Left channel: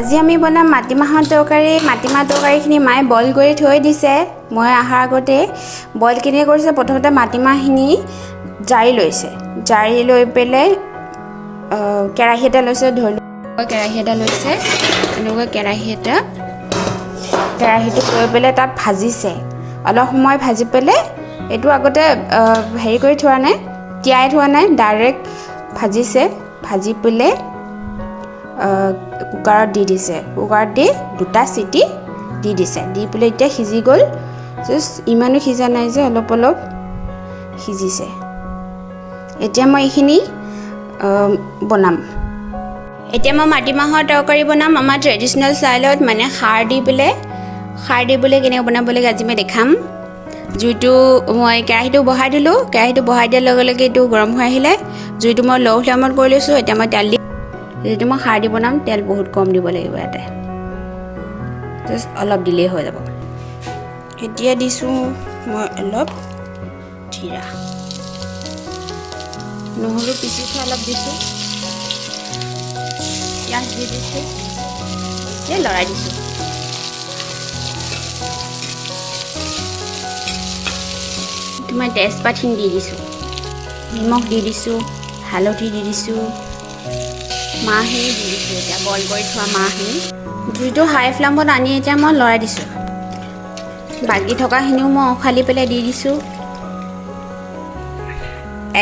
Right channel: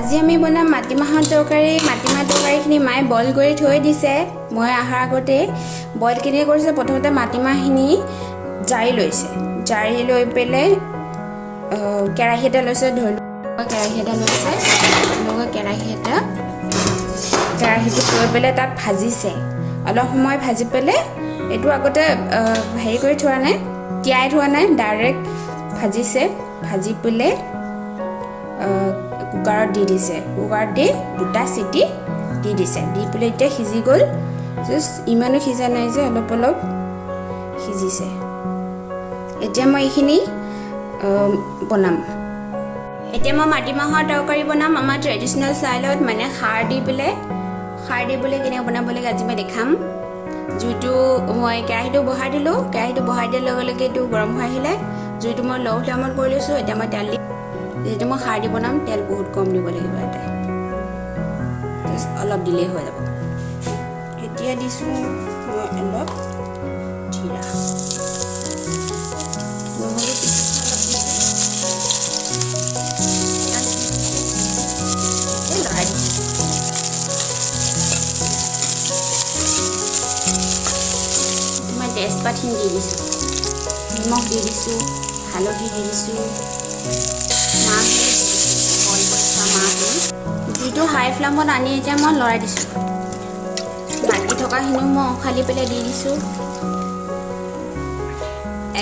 আজি আমি বনাম মাটিমাহৰ তৰকাৰী। মাটিমাহ তৰকাৰীখিনি মায়ে বইল কৰি থৈ দিছে। মই অহাৰ আগতে বইল কিনে কৰিছে। প্ৰথমতে মাটিমাহখিনি জাৰি লৈছে। জাৰি লৈ পেলাই কেৰাহী এটা লৈছে। ধৰি লওক কেৰাহী এটা লৈছে। এনেকৈ কেৰাহীটো লৈ পেলাই তাত ভাজিছে। অলপ সময় ভাজি পেলাই এইটো আগতে হেৰি কৰি থোৱা নাই, তিয়াই থোৱা নাই, ডাইৰেক্ট ভাজিছে। ভাজি পেলাই কুকাৰত দি দিছে। কুকাৰত দি 2টা চিটি দি দিছে। দি পেলাই এতিয়া সিজি গ'ল। জাষ্ট ইমানো সিজা নাই যে, অলপ অলপ সিজিছে। এতিয়া মই এইখিনি বনাম। এতিয়া মই মাটিমাহৰ তৰকাৰী বনাম আমাৰ ট্ৰেডিশ্যনেল ষ্টাইলত, মানে খাৰ দি পেলাই কেনেকৈ বনাব লাগে আজি মই দেখাম। জুইটো মই কেৰাহীটো বহাই দিলোঁ। কেৰাহীটো বহাই দিয়াৰ লগে লগে এইটো গৰম হৈ আহিলে। জুইটো মই ল' ফ্লেমত কৰি লৈছোঁ। এতিয়া মই তেল দি, যিহেতু মই খাৰ দি বনাম, তেল বহুত কম দিব লাগিব। ইয়াতে জাষ্ট অলপ দিলেই হৈ যাব। এতিয়া দিছোঁ মই অলপ জিৰা, নহৰু পিচিছোঁ, অলপ দিছোঁ, পিঁয়াজ দি দিছোঁ, এতিয়া লৰাই দিছোঁ। মই তেজপাতখিনি দি দিছোঁ, নিমখ দি দিছোঁ, হালধি দি দিছোঁ, মাহখিনি দি দিছোঁ। এতিয়া বইল কৰি থোৱা মাহখিনি জুইটো হাই ফ্লেমত আনি এতিয়া মই লৰাই দিছোঁ। বাকী থকাখিনিও মই উখালি পেলাই দি দিছোঁ।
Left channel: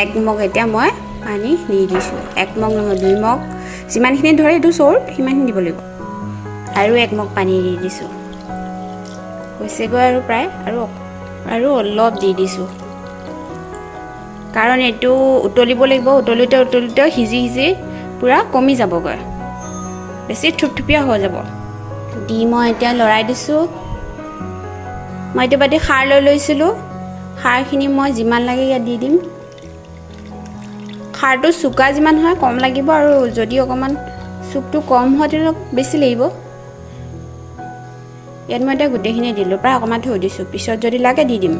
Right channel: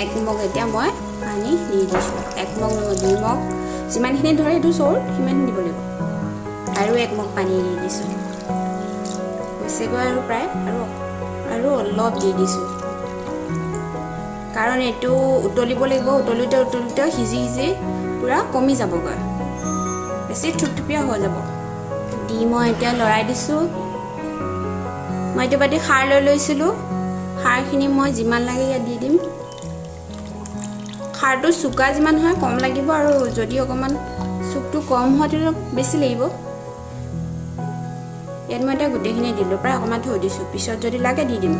1 মগ এতিয়া মই পানী দি দিছোঁ। 1 মগ নহয়, 2 মগ, যিমানখিনি ধৰে এইটো চৰুত সিমানখিনি দিব লাগিব। আৰু 1 মগ পানী দি দিছোঁ। হৈছেগৈ আৰু প্ৰায়, আৰু অলপ দি দিছোঁ, কাৰণ এইটো উতলিব লাগিব। উতলোতে সিজি পূৰা কমি যাবগৈ, বেছি থুপথুপীয়া হৈ যাব। দি মই এতিয়া লৰাই দিছোঁ। মই এইটো বাতি খাৰ লৈ লৈছিলোঁ। খাৰখিনি মই যিমান লাগে ইয়াত দি দিম। খাৰটো চোকা যিমান হয় কম লাগিব, আৰু যদি অকণমান চুপটো কম হয় তেতিয়া বেছি লাগিব। ইয়াত মই এতিয়া গোটেইখিনি দিলোঁ, প্ৰায় অকণমান থৈ দিছোঁ, পিছত যদি লাগে দি দিম।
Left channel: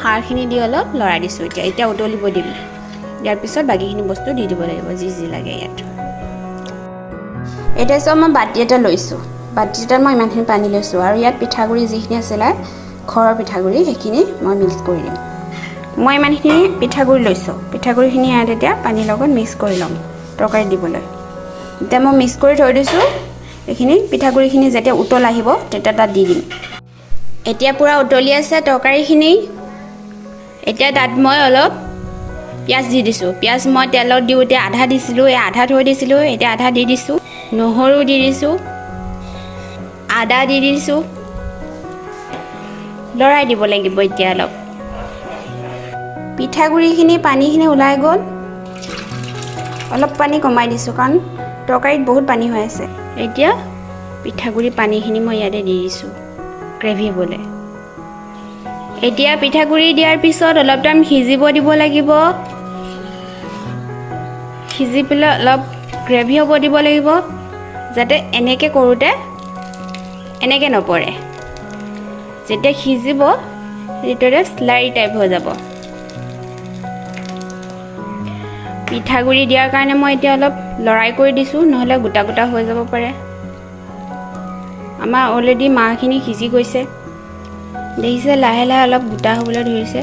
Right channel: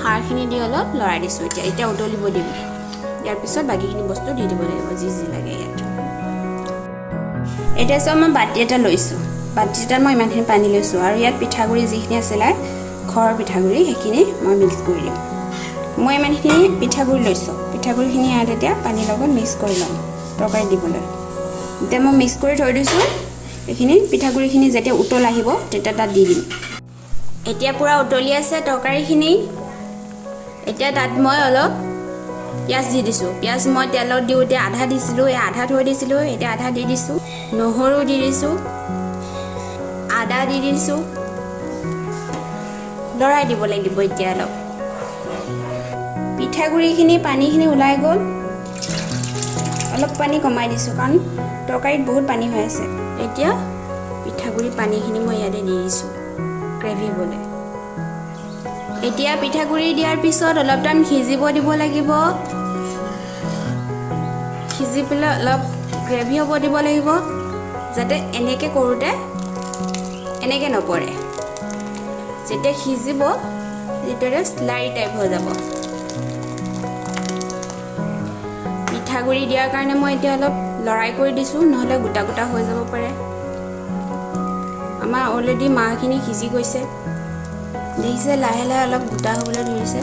খাৰখিনি দি অলপ লৰাই দিছোঁ। এতিয়া উতলিব দিম। ইয়াৰ পিছত বাকীখিনি বস্তু দি দিব লাগিব, যি লাগে ইয়াত। এতিয়া চব মই বাতি এটা লৈছোঁ। বাতি এটাত মই ইমানখিনি পানী লৈছোঁ, আৰু ইয়াত পিঠাগুড়ি যিখিনি আছিলে ঘৰৰ পিঠাগুড়ি, সেইখিনি মই মিক্স কৰি দিম। মই ইমানখিনি পিঠাগুড়ি লৈছোঁ। পিঠাগুড়িখিনি ইয়াত এতিয়া পানীৰ লগত মিক্স কৰি ল'ম তৰকাৰীত দিবলৈ। এতিয়া মই মিক্স কৰি থৈ দিছোঁ। এইখিনি পিঠাগুড়িখিনি যেতিয়া উতল আহিব তেতিয়া তাত দি দিম। এতিয়া পূৰা উতলি আছে তৰকাৰীখিনি। এতিয়া তাত মই অলপ পিঁয়াজ দি দিছোঁ। পিঁয়াজ মই তেলত দিওঁতে আধা দিছিলোঁ, আধা থৈ দিছিলোঁ, এতিয়া আধা দি দিছোঁ। নহৰু দি দিছোঁ, আদা দি দিছোঁ, লৰাই দিব লাগিব। এতিয়া পিঠাগুড়িখিনি পানীখিনি ওলাই গ'ল। অলপ পানী কমাই দিছোঁ, কাৰণ তৰকাৰীত বহুত পানী হৈ আছে। এতিয়া পিঠাগুড়ি পানীখিনি মই ইয়াতে দি দিছোঁ গ্ৰেভি হ'বলৈ। এতিয়া পিঠাগুড়ি দিয়াৰ পিছত অলপ টাইম সিজিব দিব লাগিব। সিজি পেলাই অলপ গ্ৰেভি হ'ব দিব লাগিব, যাতে এনেকৈ কৰোঁতে এনেকৈ নপৰে। যেতিয়া সিজিব এইটোৰে স্লাইৰি টাইপ হৈ যাব। পিঠাগুড়ি দিয়াৰ কাৰণে মই এতিয়া অলপ লৰাই কৰি দিছোঁ, নহ'লে গোটা গোটা হৈ যাব পাৰে। আমাৰ অলৰেডি মাহখিনি সিজি গৈছে, দেখিছে, লাহে লাহে অলপ গোটা হ'বলৈ ধৰিছে।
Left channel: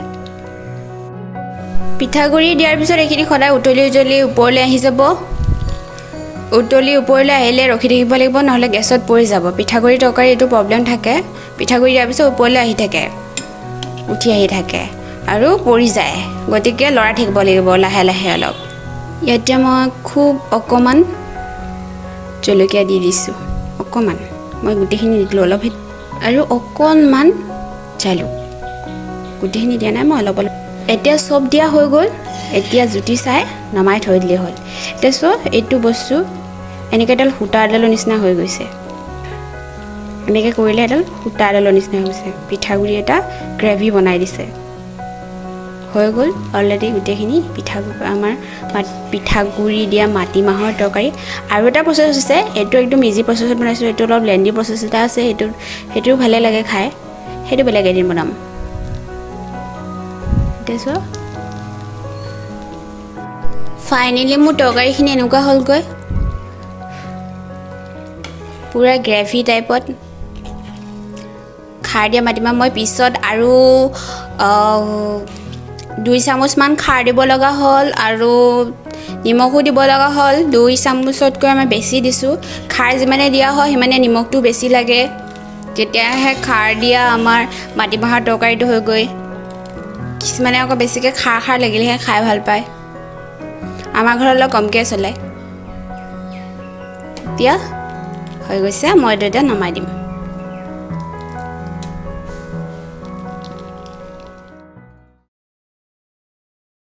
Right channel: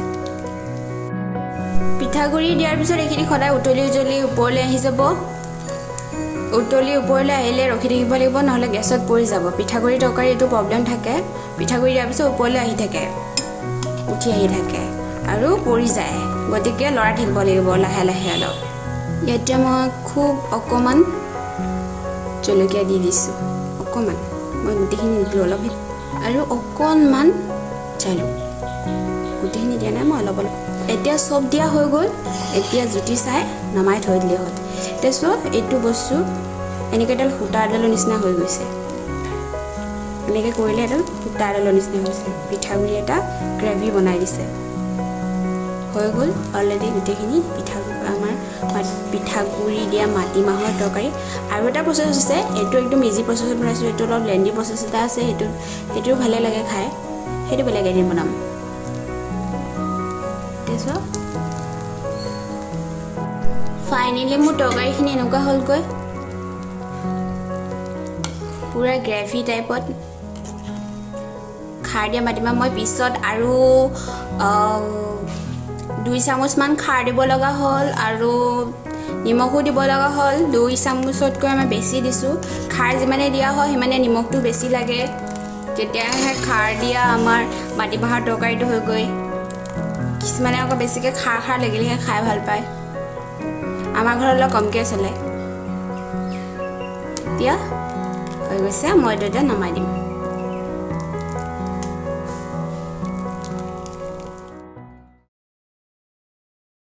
পিঠাগুড়ি দিয়াৰ পিছত এইখিনি সদায় উতলি ওপৰলৈ আহি যাব। উতলি ওপৰলৈ আহিলে ৰখি থাকিব লাগিব, নহ'লে গেছত পৰি যাব। পিঠাগুড়ি তৰকাৰী এইটো প্ৰব্লেম থাকে। পিঠাগুড়ি দিয়াৰ পিছত ওপৰলৈ আহি থাকে, উঠি আহি থাকে আৰু পৰি যায়। গতিকে লৰাই থাকিব লাগিব লাহে লাহে অলপ। ইয়াতে মই খুব অকণমান জলকীয়া দি দিছোঁ, অকণমান, মই গোটেইখিনি দিলোঁ অলপ, আৰু অকণমান জালুক। গোটেইখিনি দিয়া নাই, মই অলপ অলপ। এতিয়া চব দিয়া হৈ গ'ল। এতিয়া জুতি চাই নমাই থৈ দিলেই হ'ল। এতিয়া চোৱা, এইটো বস্তু এনেকৈ এডাল সূতা এডালৰ নিচিনা হৈ গৈছে। এনেকৈ কৰিলে এডাল সূতা এডালৰ নিচিনা হৈছে। পিঠাগুড়ি এটা গ্ৰেভি বনাই দিছে। হৈ গ'ল অলৰেডি গোটেইখিনি আমাৰ পিঠাগুড়ি দিয়া মাটিমাহৰ তৰকাৰী। আৰু এটা প্ৰচেছ হৈছে, এইটো একদম ইজি প্ৰচেছত বনাইছোঁ। এইটো অলপ লেণ্ডি প্ৰচেছ এটা আছে, সেইটোও ভালে লাগে খাই। সেইটো বেলেগ এদিন বনাম। এতিয়া চোৱা, ফাইনেলি মোৰ তৰকাৰীখিনি এনেকুৱা হ'লগৈ। পুৰা গ্ৰেভি টাইপত খাৰ দিয়া মাটিমাহ মই পিছত আৰু 2 চামুচমান খাৰ দিব লগা হ'ল আৰু নিমখো দিব লগা হ'ল 2 চামুচতকৈ মই বেছি দিছোঁ খাৰ যিমানে দিয়া হয় সিমানে নিমখটো বেছি লাগে তেতিয়াহে খাৰ দিয়া আমাৰ মাটিমাহৰ তৰকাৰীটো হৈ গৈ কিছুমানে আকৌ বেছিকৈ খাৰ লাগিলেহে খাই ভাল পায় আমাৰ ঘৰত অলপ কমকৈ চলে এতিয়া হৈ গৈছে মই এইটো এতিয়া নমাই দিম